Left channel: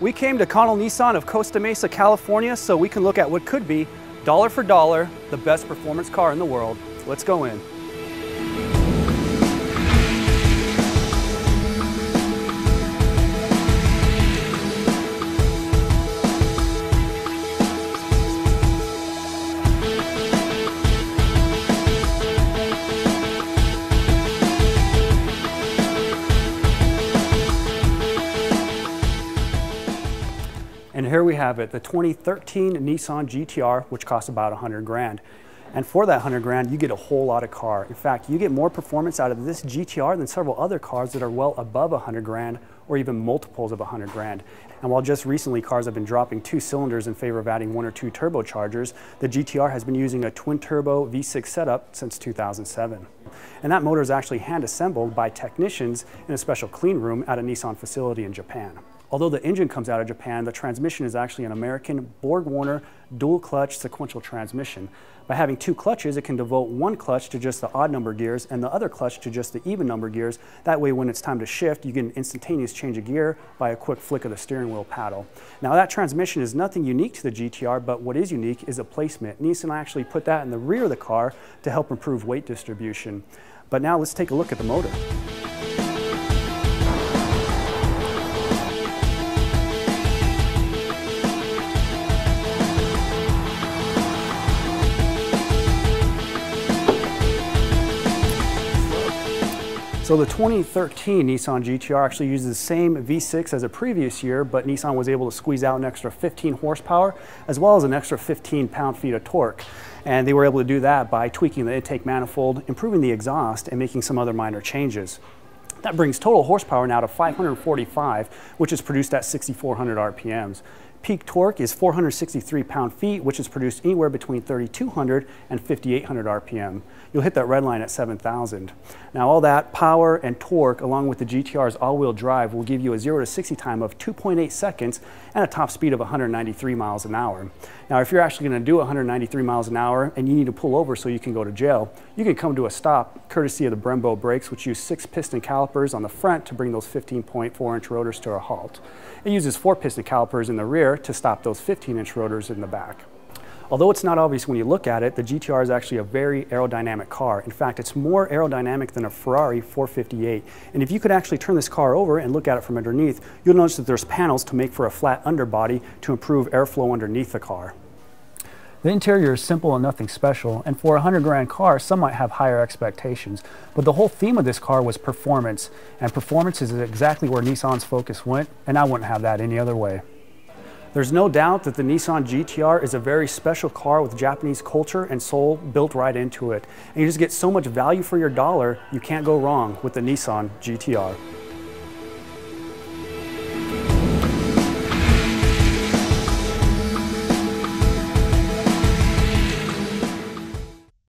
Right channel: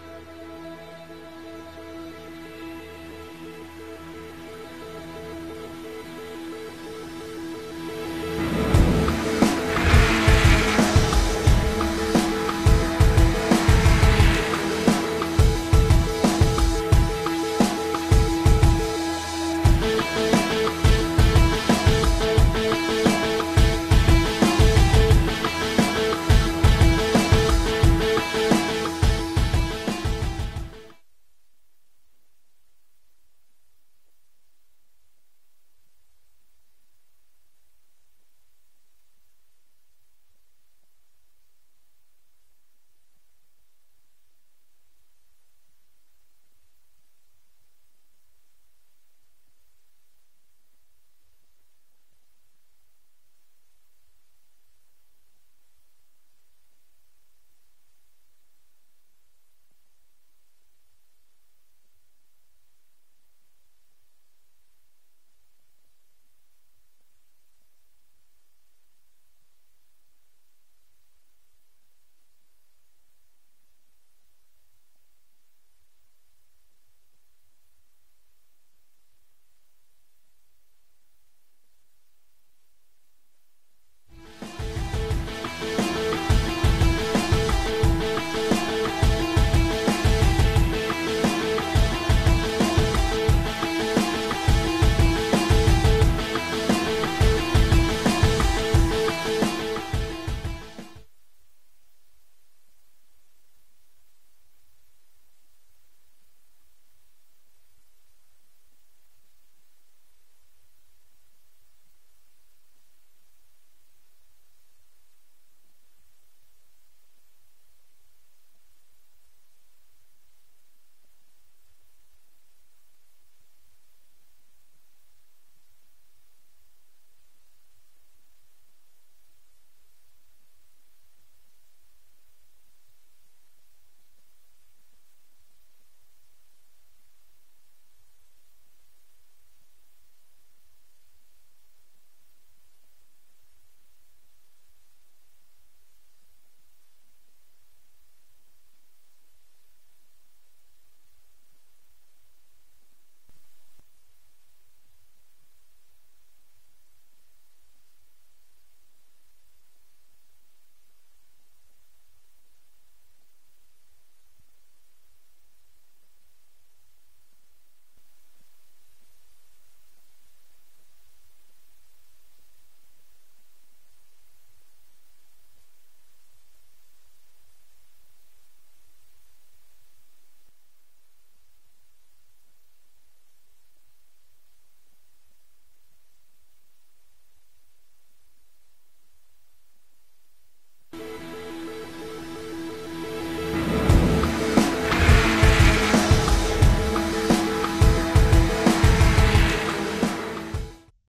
We came to Connell Nissan of Costa Mesa, California, so we can look at what could be, dollar for dollar, the best performance car in the world. Let's go in. And here we have it, the 2013 Nissan GTR, which costs about 100 grand. And for that 100 grand, you get a whole lot of car. In fact, you get more performance out of this GTR than several other cars that are well above 100 grand or even multiples of 100 grand. And while just recently cars have been dropping 2 cylinders in favor of adding 1 or 2 turbochargers, the GTR has been using a twin-turbo V6 setup since 2007. And that motor is actually hand-assembled by technicians in a special clean room at a Nissan facility in Japan. Although the engine comes out of Japan, the transmission is actually an American Borg-Warner dual-clutch sequential transmission. By having 2 clutches, it can devote 1 clutch to just the odd number gears and the other clutch to just the even number gears. That way, when it's time to shift, you get an instantaneous change of gear by a quick flick of the steering wheel paddle. Now, that transmission is nothing unique to the GTR, but what is unique is a placement. Nissan actually put that in the rear of the car to help improve weight distribution. But now let's take a look at the motor. So the 2013 Nissan GTR actually uses the same V6 as the previous year, but Nissan was able to squeeze out an extra 15 horsepower as well as an extra 15 pound-feet of torque. And they were able to do that by tweaking the intake manifold, improving the exhaust, and making some other minor changes. That brings total horsepower now to 545, which is produced at 6,400 RPMs. Peak torque is 463 pound-feet, which is produced anywhere between 3,200 and 5,800 RPM. You'll hit that red line at 7,000. Now all that power and torque, along with the GTR's all-wheel drive, will give you a 0 to 60 time of 2.8 seconds and a top speed of 193 miles an hour. Now if you're actually going to do 193 miles an hour and you need to pull over so you can go to jail, you can come to a stop courtesy of the Brembo brakes, which use 6 piston calipers on the front to bring those 15.4-inch rotors to a halt. It uses 4 piston calipers in the rear to stop those 15-inch rotors in the back. Although it's not obvious when you look at it, the GTR is actually a very aerodynamic car. In fact, it's more aerodynamic than a Ferrari 458. And if you could actually turn this car over and look at it from underneath, you'll notice that there's panels to make for a flat underbody to improve airflow underneath the car. The interior is simple and nothing special, and for a 100 grand car, some might have higher expectations. But the whole theme of this car was performance, and performance is exactly where Nissan's focus went, and I wouldn't have that any other way. There's no doubt that the Nissan GTR is a very special car with Japanese culture and soul built right into it. And you just get so much value for your dollar, you can't go wrong with the Nissan GTR.